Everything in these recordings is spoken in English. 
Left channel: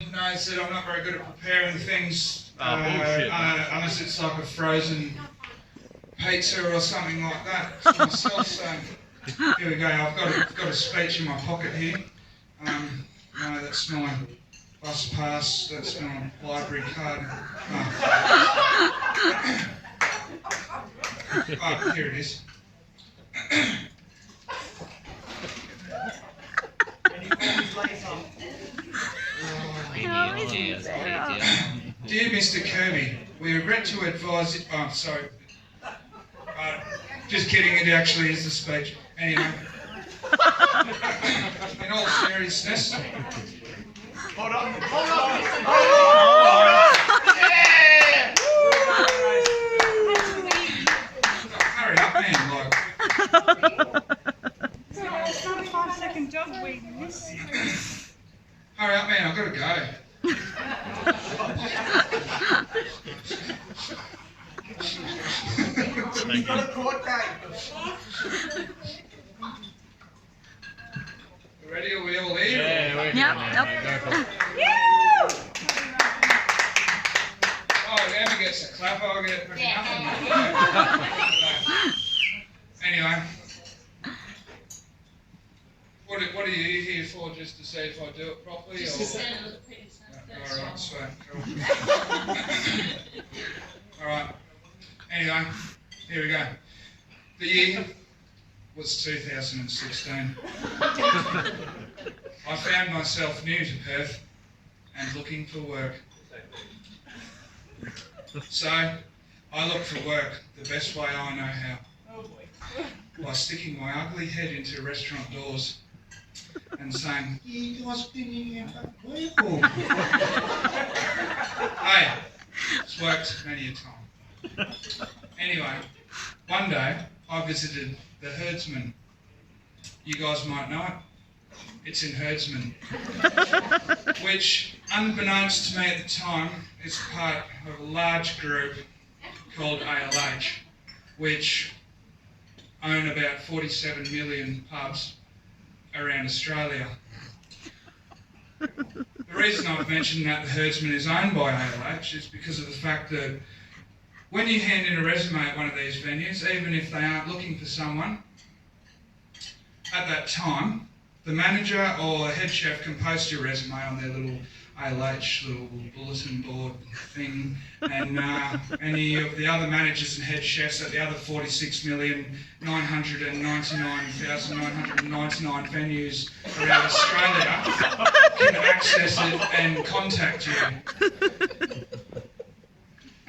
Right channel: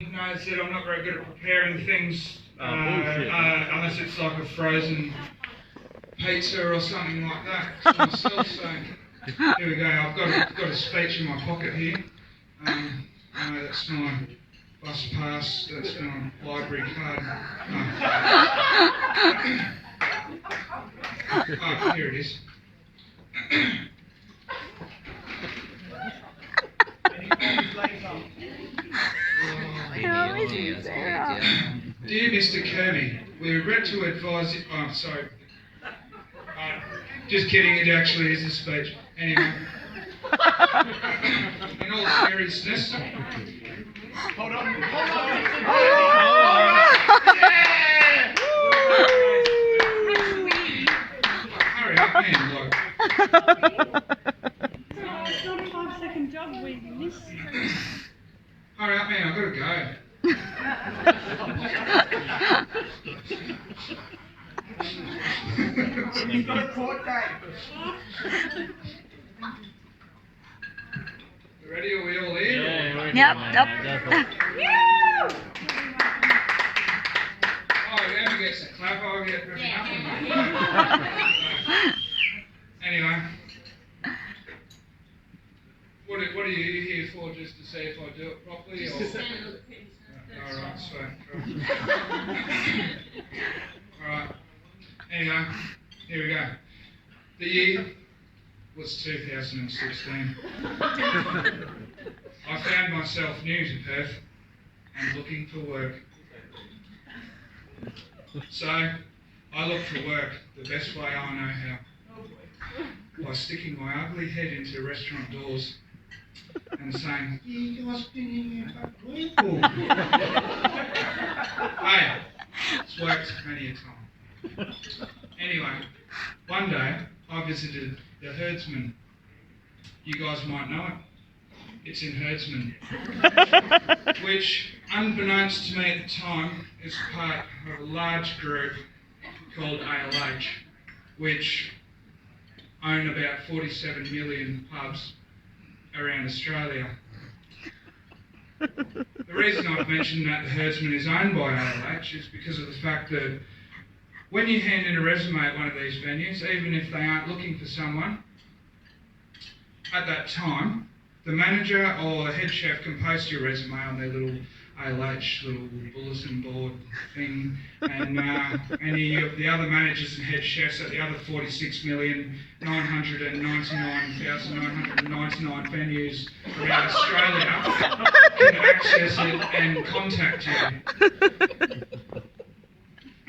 Knows that I'm not very good at preparing things Bullshit. unless it's like a frozen pizza or something like that for myself. So here we go. I've got a speech in my pocket here. That's my bus pass. That's my library card. Oh, here it is. Dear Mr. Kirby, we regret to advise you. Oh, sorry. Just kidding, it actually is the speech. Anyway. In all seriousness. Hold on. Hurry up, man. Look. It's not a 5-second job we miss. Hurry up, man. I've got to go. You've got a court date. Ready? Are we all here? Yeah, we're Yep, here now. yep. Go for it. Oh, Emma gets a clap. I'll get nothing. Anyway. What are you here for? Just to see if I do it properly? Just or? to stand on the piece. Alright, sweet. Cool. Alright. Anyway, here we go. The year was 2016. I found myself new to Perth and looking for work. So, I looked for work the best way I know how. By sticking my ugly head into restaurant doors and saying, "You guys been in here for work?" Hey, it's worked many a time. Anyway, one day I visited the herdsman. You guys might know it. It's in Herdsman, which, unbeknownst to me at the time, is part of a large group called ALH, which own about 47 million pubs around Australia. The reason I've mentioned that the Herdsman is owned by ALH is because of the fact that when you hand in a resume at one of these venues, even if they aren't looking for someone, at that time, the manager or the head chef can post your resume on their little ALH little bulletin board thing, and any of the other managers and head chefs at the other 46,999,999 venues around Australia can access it and contact you.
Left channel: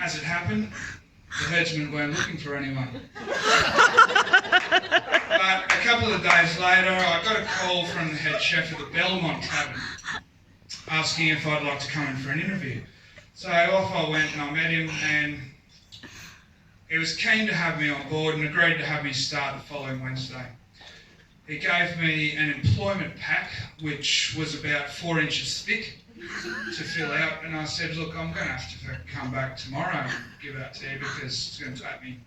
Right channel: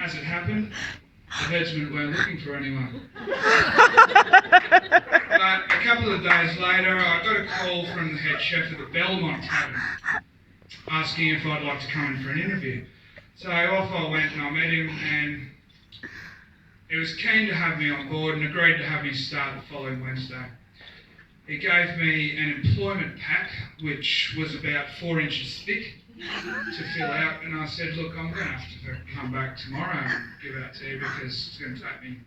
As it happened, the herdsmen weren't looking for anyone. But a couple of days later, I got a call from the head chef of the Belmont Tavern asking if I'd like to come in for an interview. So off I went and I met him, and he was keen to have me on board and agreed to have me start the following Wednesday. He gave me an employment pack which was about 4 inches thick to fill out, and I said, look, I'm going to have to come back tomorrow and give it to you because it's going to take me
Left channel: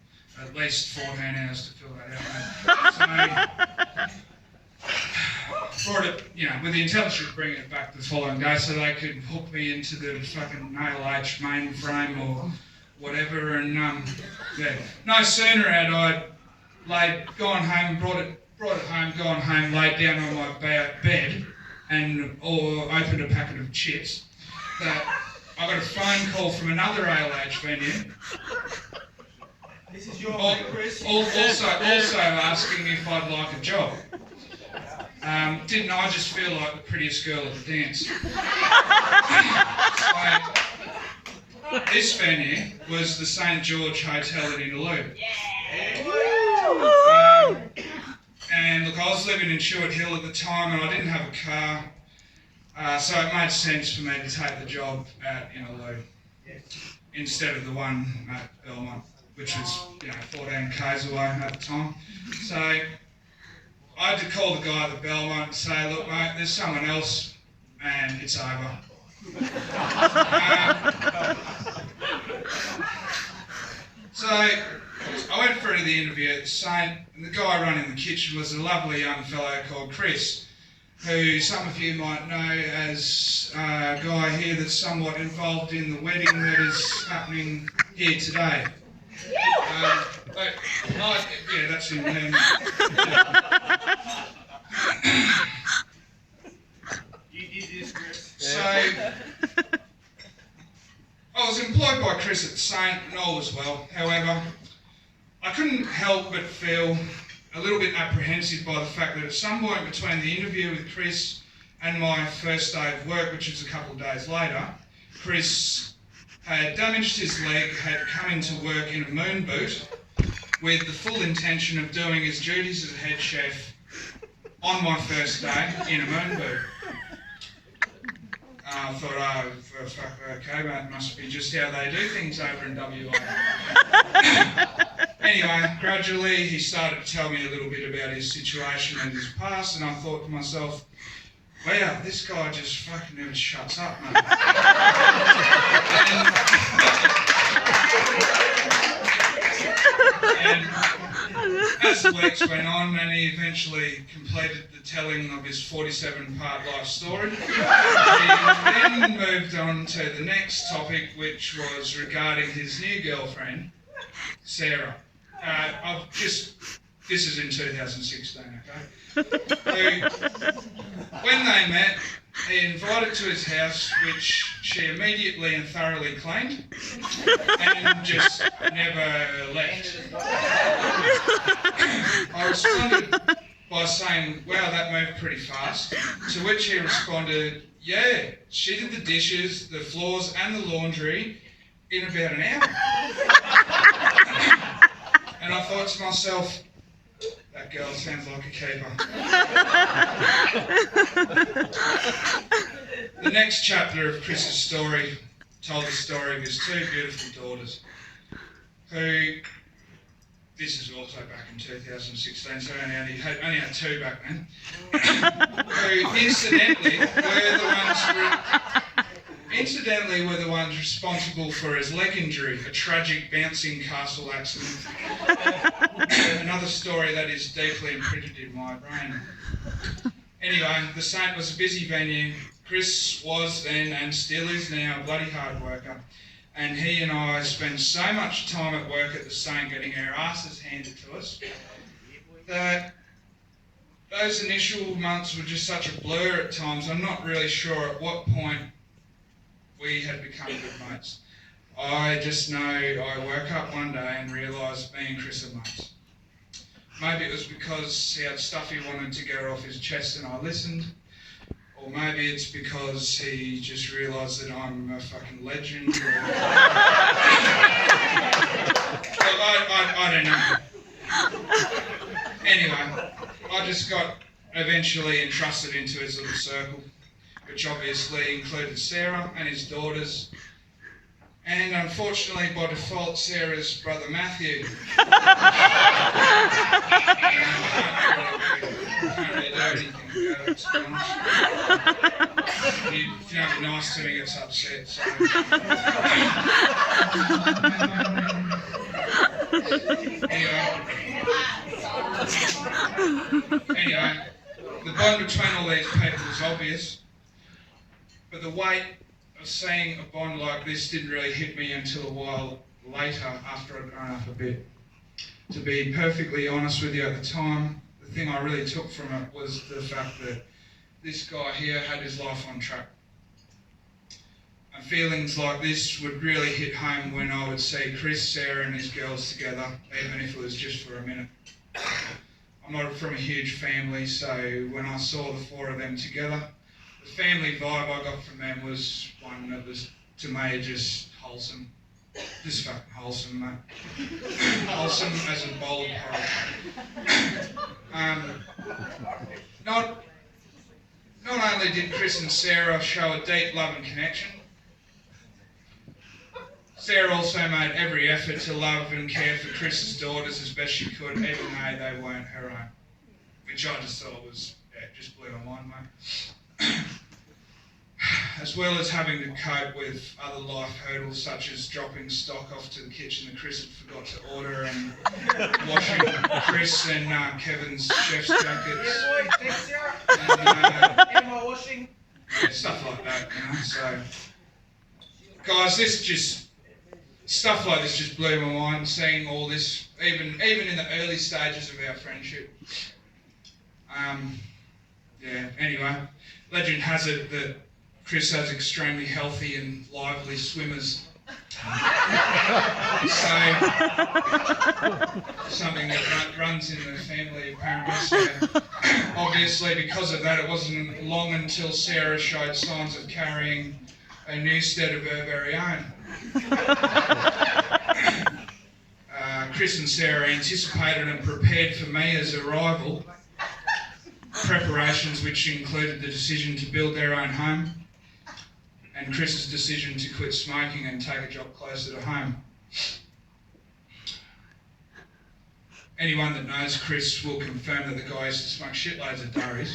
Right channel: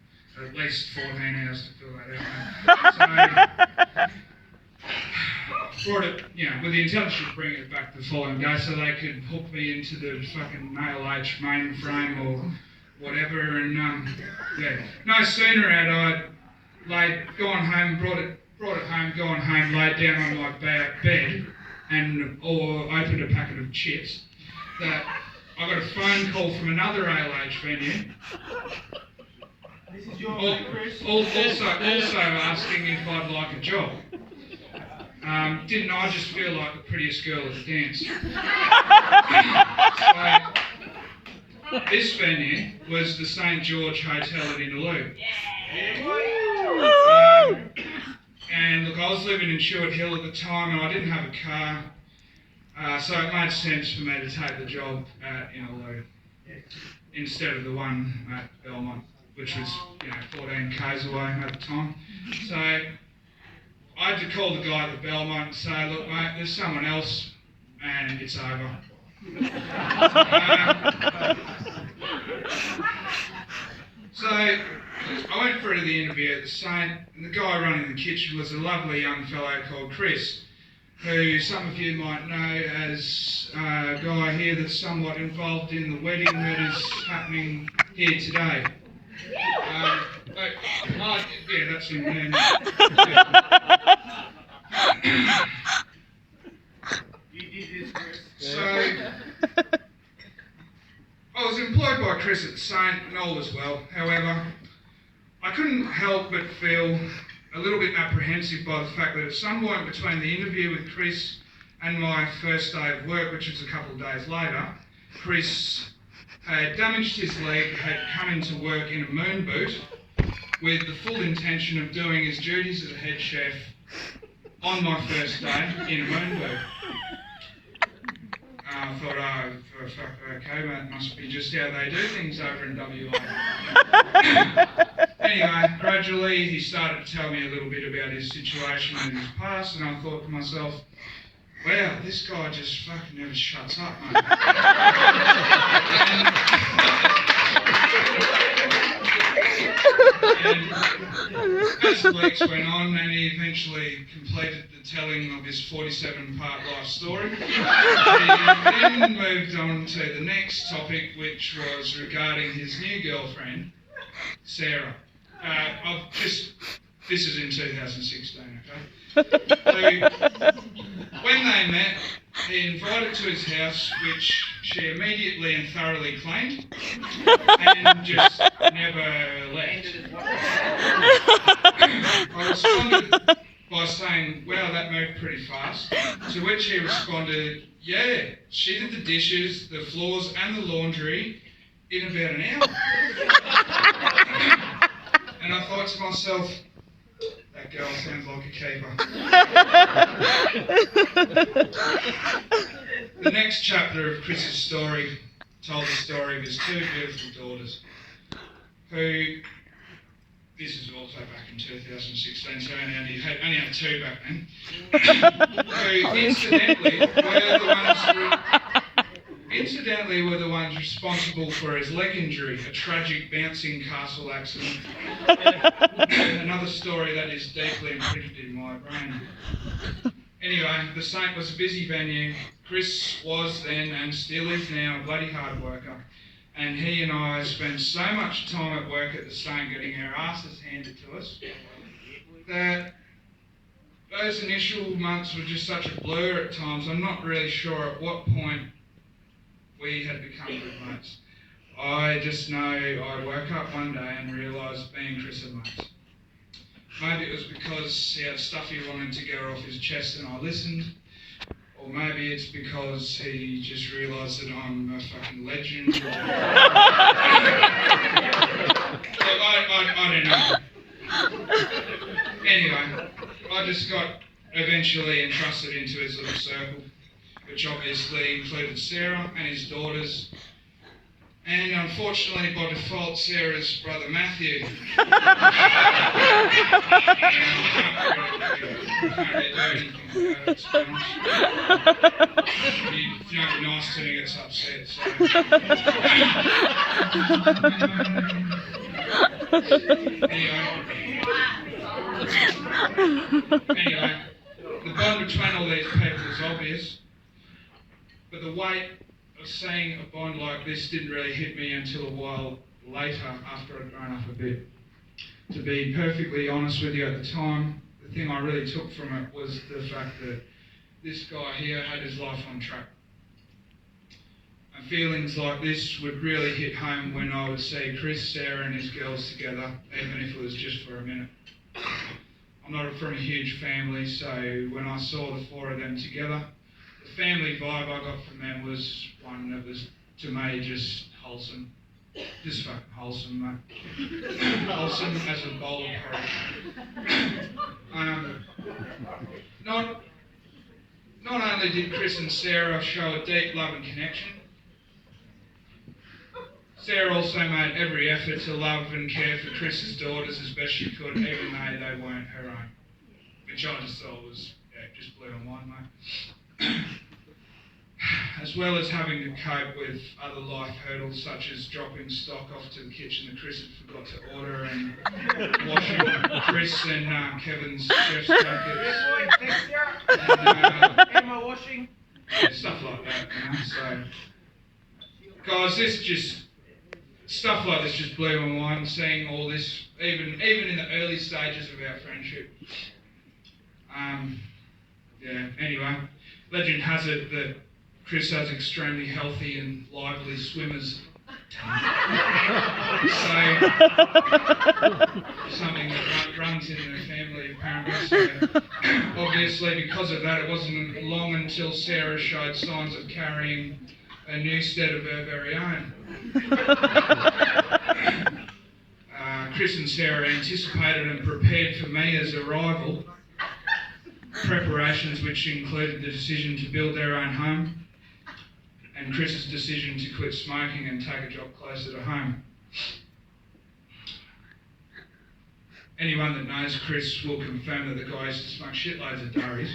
at least 14 hours to fill that out. So, brought it, with the intention of bringing it back the following day so they could hook me into the fucking ALH mainframe or whatever, and no sooner had I gone home, brought it home, gone home, laid down on my bed, or opened a packet of chips, that I got a phone call from another ALH venue. This is your mate, Chris. Also asking if I'd like a job. Didn't I just feel like the prettiest girl at the dance? So, this venue was the St George Hotel at Inaloo. And look, I was living in Chewett Hill at the time and I didn't have a car, so it made sense for me to take the job at Inaloo instead of the one at Belmont, which was 14 k's away at the time. So I had to call the guy at the Belmont and say, look mate, there's someone else and it's over. So I went through to the interview at the Saint, and the guy running the kitchen was a lovely young fellow called Chris. who some of you might know as a guy here that's somewhat involved in the wedding that is happening here today. Yeah, that's him there. You did this, Chris. So, I was employed by Chris at Saint and all was well. However, I couldn't help but feel a little bit apprehensive by the fact that at some point between the interview with Chris and my first day of work, which was a couple of days later, Chris had damaged his leg, had come into work in a moon boot with the full intention of doing his duties as a head chef on my first day in a moon boot. I thought, okay, that must be just how they do things over in WA. Anyway, gradually he started to tell me a little bit about his situation and his past, and I thought to myself, wow, this guy just fucking never shuts up, mate. And as the weeks went on and he eventually completed the telling of his 47-part life story, he then moved on to the next topic, which was regarding his new girlfriend, Sarah. This is in 2016, okay? When they met, he invited to his house, which she immediately and thoroughly cleaned, and just never left. I responded by saying, wow, that moved pretty fast, to which he responded, yeah, she did the dishes, the floors and the laundry in about an hour. And I thought to myself, that girl sounds like a keeper. The next chapter of Chris's story told the story of his two beautiful daughters, who, this is also back in 2016, so I only had two back then, who incidentally were the ones responsible for his leg injury, a tragic bouncing castle accident. Another story that is deeply imprinted in my brain. Anyway, the Saint was a busy venue. Chris was then and still is now a bloody hard worker. And he and I spent so much time at work at the Saint getting our asses handed to us that those initial months were just such a blur at times. I'm not really sure at what point we had become good mates. I just know I woke up one day and realised me and Chris are mates. Maybe it was because he had stuff he wanted to get off his chest and I listened, or maybe it's because he just realised that I'm a fucking legend. I don't know. Anyway, I just got eventually entrusted into his little circle, which obviously included Sarah and his daughters, and unfortunately by default Sarah's brother Matthew. I can't really do anything about it, to be honest. If you don't be nice to me, it's upset. So. Anyway, the bond between all these people is obvious. But the weight of seeing a bond like this didn't really hit me until a while later, after I'd grown up a bit. To be perfectly honest with you, at the time, the thing I really took from it was the fact that this guy here had his life on track. And feelings like this would really hit home when I would see Chris, Sarah and his girls together, even if it was just for a minute. I'm not from a huge family, so when I saw the four of them together, the family vibe I got from them was one that was, to me, just wholesome. Just fucking wholesome, mate. Wholesome as a bowl of porridge. Not only did Chris and Sarah show a deep love and connection, Sarah also made every effort to love and care for Chris's daughters as best she could, even though they weren't her own. Which I just thought was, just blew my mind, mate. As well as having to cope with other life hurdles such as dropping stock off to the kitchen that Chris had forgot to order and washing Chris and Kevin's chef's jackets. And, washing. Yeah, stuff like that, you know. So, guys, this just stuff like this just blew my mind. Seeing all this, even in the early stages of our friendship. Yeah. Anyway, legend has it that Chris has extremely healthy and lively swimmers. So, something that runs in the family apparently. So, obviously, because of that, it wasn't long until Sarah showed signs of carrying a Newstead of her very own. Chris and Sarah anticipated and prepared for Mia's arrival. Preparations which included the decision to build their own home, and Chris's decision to quit smoking and take a job closer to home. Anyone that knows Chris will confirm that the guy used to smoke shitloads of durries.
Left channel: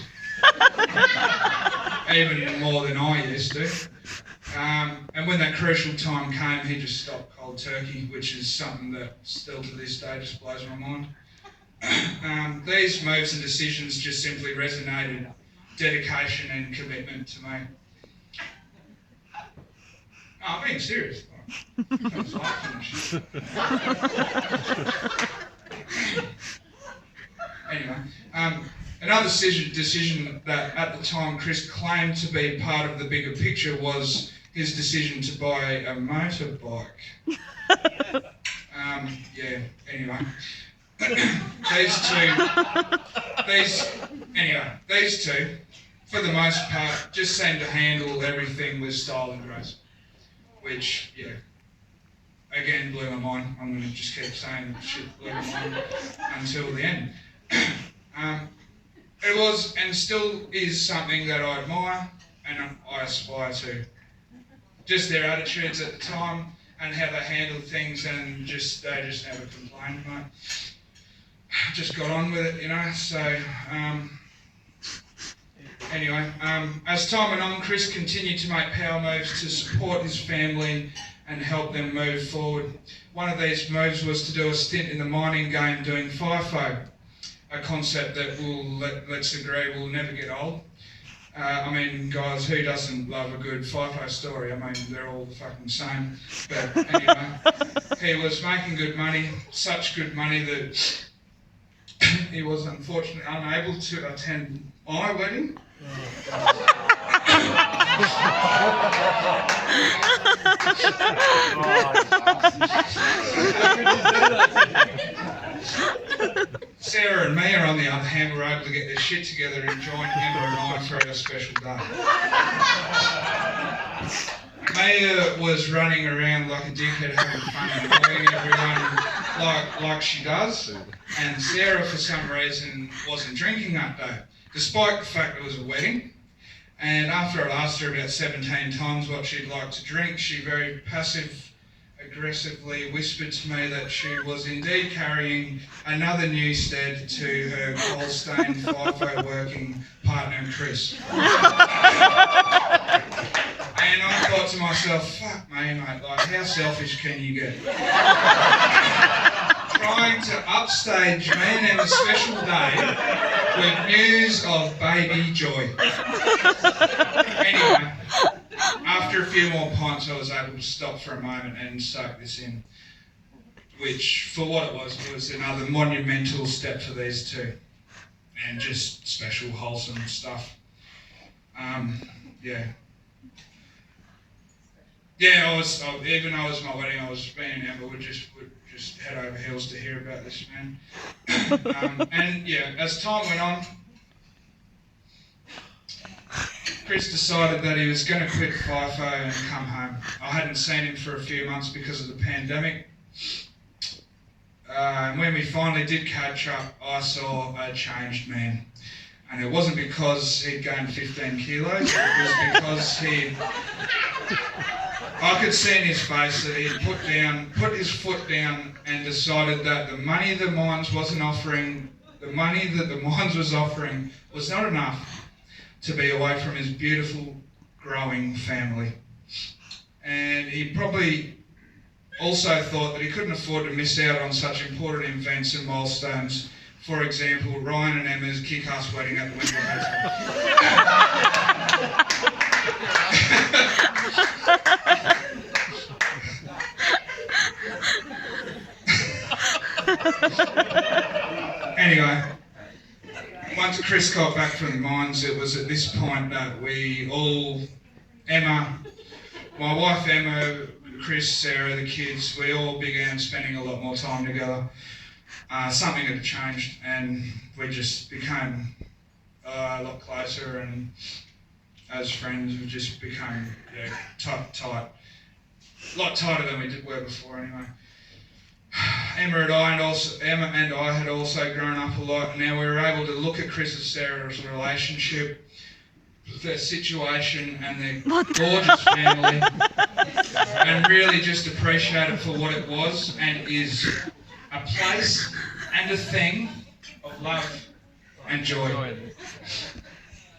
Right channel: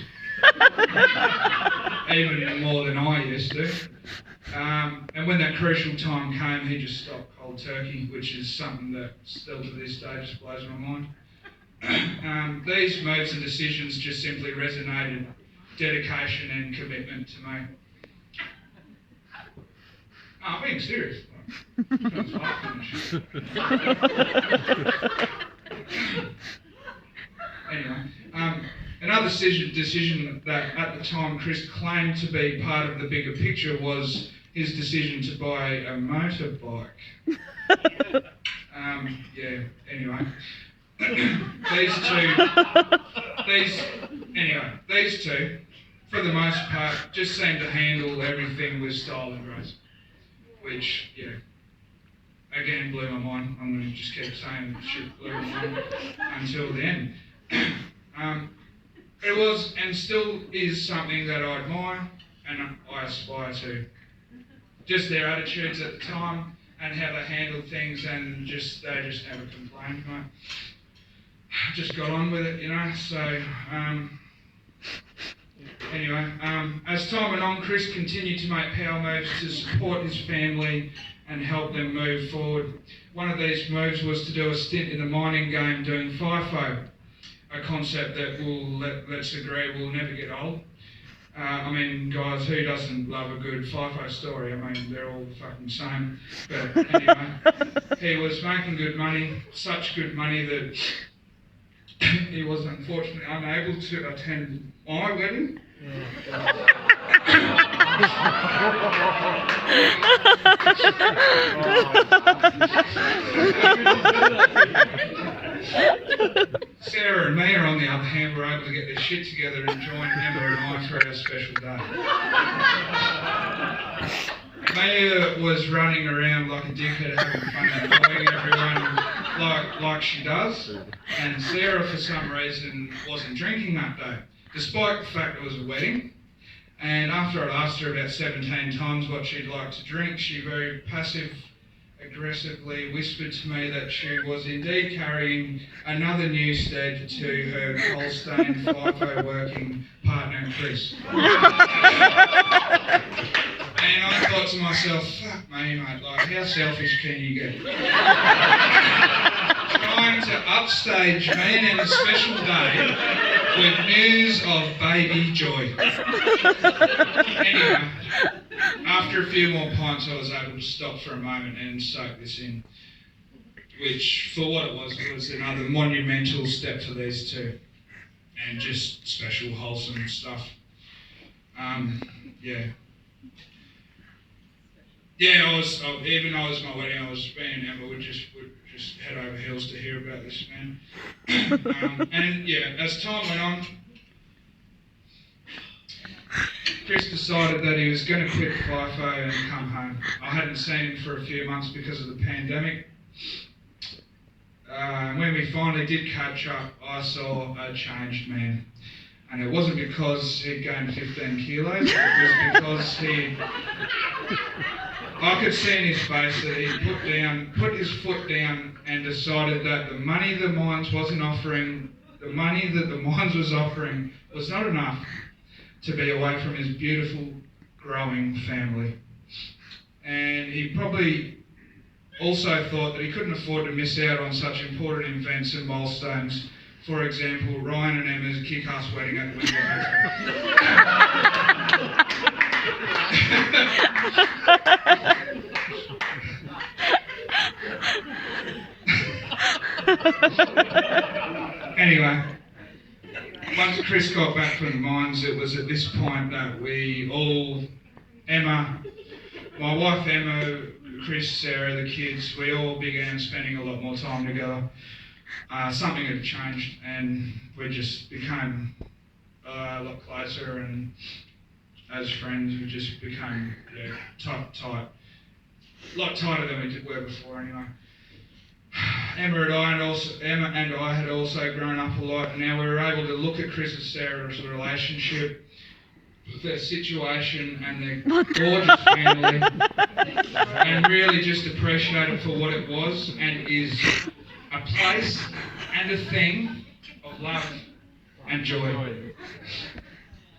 Even more than I used to. And when that crucial time came, he just stopped cold turkey, which is something that still to this day just blows my mind. These moves and decisions just simply resonated dedication and commitment to me. No, I'm being serious. Anyway, another decision that at the time Chris claimed to be part of the bigger picture was his decision to buy a motorbike. Anyway. These two, for the most part, just seem to handle everything with style and grace. Which, yeah, again, blew my mind. I'm going to just keep saying shit blew my mind until the end. It was and still is something that I admire and I aspire to. Just their attitudes at the time and how they handled things, and they just never complained, mate. Just got on with it, you know. So, anyway, as time went on, Chris continued to make power moves to support his family and help them move forward. One of these moves was to do a stint in the mining game doing FIFO, a concept that let's agree will never get old. I mean, guys, who doesn't love a good FIFO story? I mean, they're all the fucking same. But anyway, he was making good money, such good money that he was unfortunately unable to attend my wedding. Sarah and Mia, on the other hand, were able to get their shit together and join Emma and I for our special day. Mia was running around like a dickhead having fun and annoying everyone like she does, and Sarah for some reason wasn't drinking that day, despite the fact it was a wedding. And after I asked her about 17 times what she'd like to drink, she very passive-aggressively whispered to me that she was indeed carrying another Newstead to her coal-stained FIFO working partner, Chris. And I thought to myself, fuck me, mate, like, how selfish can you get? Trying to upstage me and have a special day with news of baby joy. Anyway, after a few more pints, I was able to stop for a moment and soak this in, which, for what it was another monumental step for these two, and just special, wholesome stuff. Yeah, I was my wedding, I was being Emma would just head over heels to hear about this, man. And yeah, as time went on, Chris decided that he was going to quit FIFO and come home. I hadn't seen him for a few months because of the pandemic. When we finally did catch up, I saw a changed man. And it wasn't because he'd gained 15 kilos, it was because I could see in his face that he'd put his foot down and decided that the money that the mines was offering was not enough to be away from his beautiful, growing family. And he probably also thought that he couldn't afford to miss out on such important events and milestones. For example, Ryan and Emma's kick-ass wedding at the Windsor Hotel. Anyway, once Chris got back from the mines, it was at this point that we all, Emma, my wife Emma, Chris, Sarah, the kids, we all began spending a lot more time together. Something had changed and we just became a lot closer, and as friends we just became tight. A lot tighter than we were before anyway. Emma and I had also grown up a lot, and now we were able to look at Chris and Sarah's relationship, their situation and their gorgeous family, and really just appreciate it for what it was and is, a place and a thing of love and joy.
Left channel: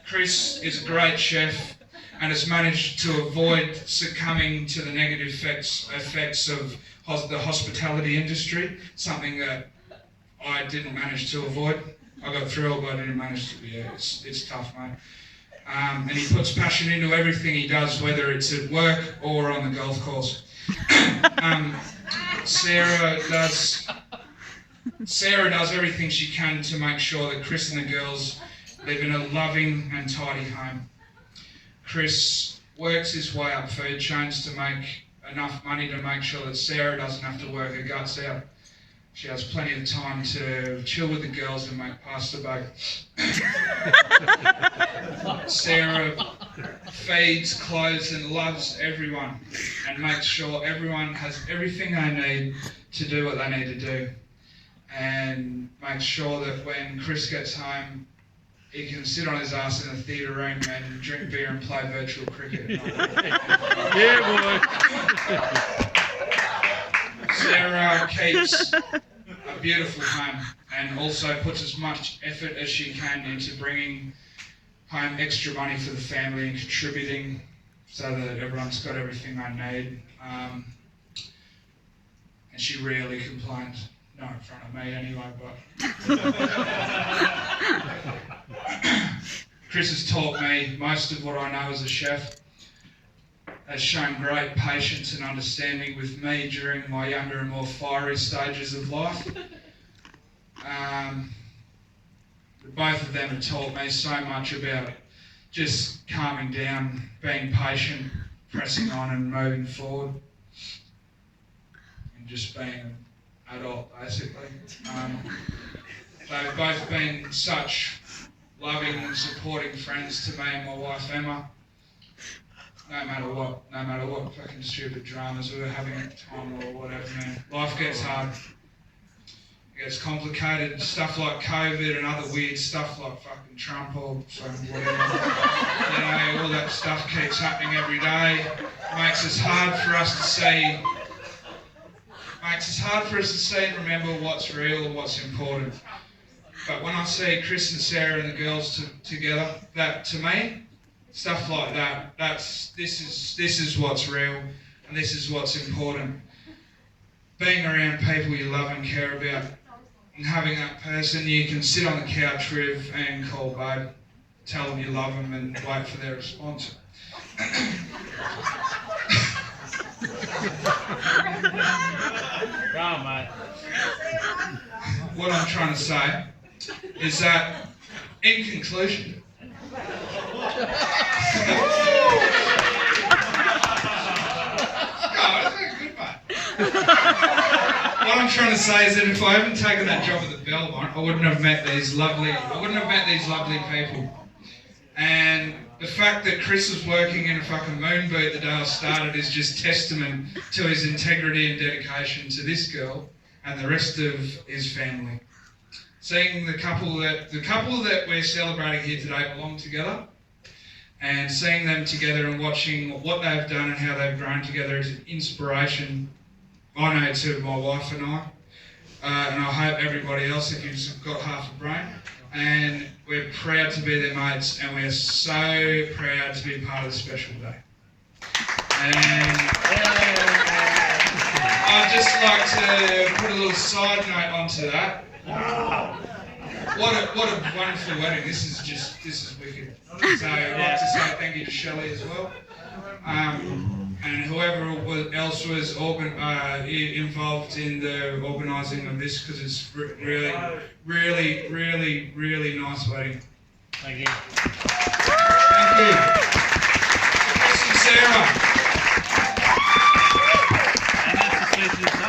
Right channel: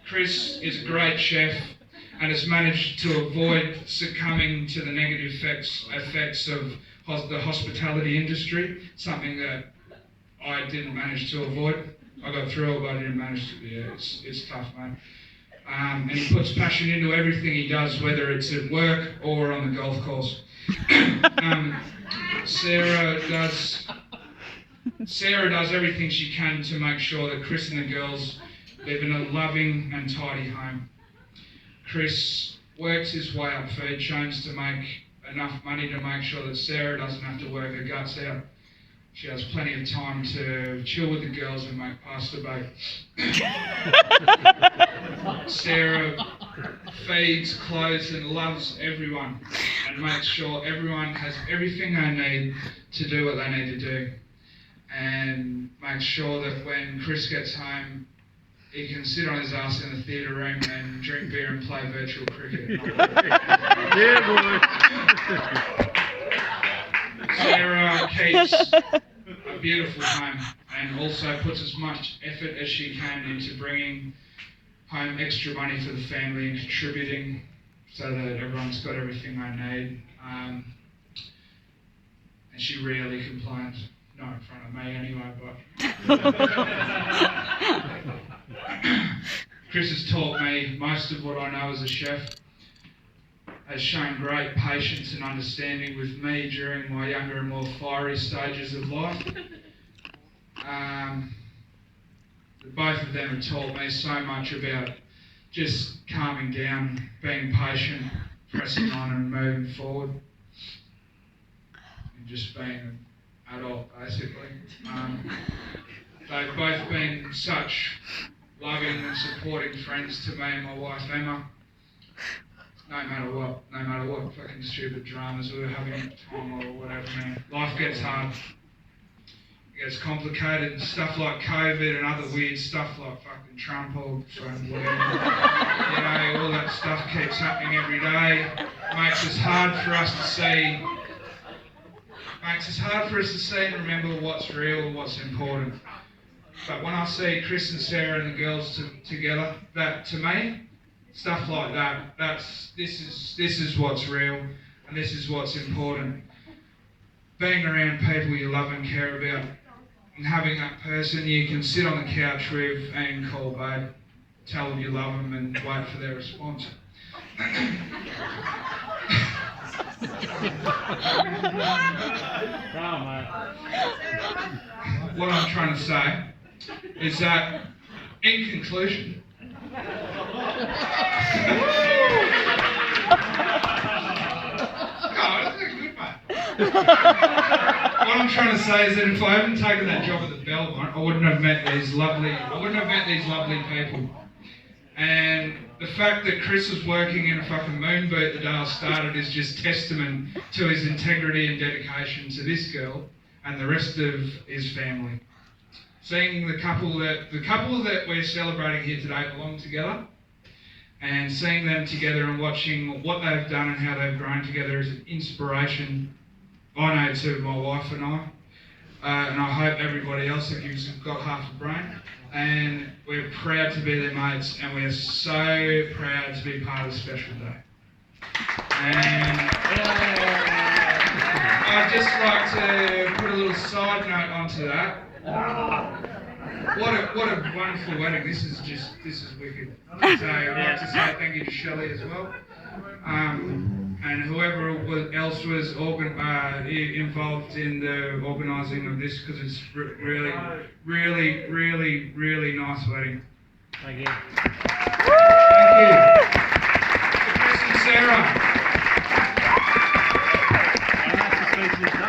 Chris is a great chef and has managed to avoid succumbing to the negative effects of the hospitality industry, something that I didn't manage to avoid. I got through it, but I didn't manage to. Yeah, it's tough, mate. And he puts passion into everything he does, whether it's at work or on the golf course. Sarah does everything she can to make sure that Chris and the girls live in a loving and tidy home. Chris works his way up food chains to make enough money to make sure that Sarah doesn't have to work her guts out. She has plenty of time to chill with the girls and make pasta bake. Sarah feeds, clothes and loves everyone and makes sure everyone has everything they need to do what they need to do, and makes sure that when Chris gets home he can sit on his ass in the theatre room and drink beer and play virtual cricket. Yeah, boy. Sarah keeps a beautiful home and also puts as much effort as she can into bringing home extra money for the family and contributing so that everyone's got everything they need. And she rarely complains. Not in front of me anyway, but... Chris has taught me most of what I know as a chef, has shown great patience and understanding with me during my younger and more fiery stages of life. Both of them have taught me so much about just calming down, being patient, pressing on and moving forward, and just being an adult basically. They've both been such loving and supporting friends to me and my wife Emma. No matter what fucking stupid dramas we were having at the time or whatever, man. Life gets hard. It gets complicated. Stuff like COVID and other weird stuff like fucking Trump or whatever. You know, all that stuff keeps happening every day. Makes it hard for us to see and remember what's real and what's important. But when I see Chris and Sarah and the girls together, that to me, stuff like that, this is what's real and this is what's important. Being around people you love and care about, and having that person you can sit on the couch with and call babe, tell them you love them and wait for their response. Come on, mate. What I'm trying to say is that, in conclusion, what I'm trying to say is that if I hadn't taken that job at the Belmont, I wouldn't have met these lovely people. And the fact that Chris was working in a fucking moon boot the day I started is just testament to his integrity and dedication to this girl and the rest of his family. Seeing the couple that we're celebrating here today belong together, and seeing them together and watching what they've done and how they've grown together is an inspiration, I know, to my wife and I. And I hope everybody else, if you've got half a brain. And we're proud to be their mates, and we're so proud to be part of this special day. And I'd just like to put a little side note onto that. What a wonderful wedding. This is wicked. So I'd like to say thank you to Shelley as well. and whoever else was involved in the organising of this, because it's really, really, really, really nice wedding. Thank you. Thank you. Chris and Sarah. And that's the speeches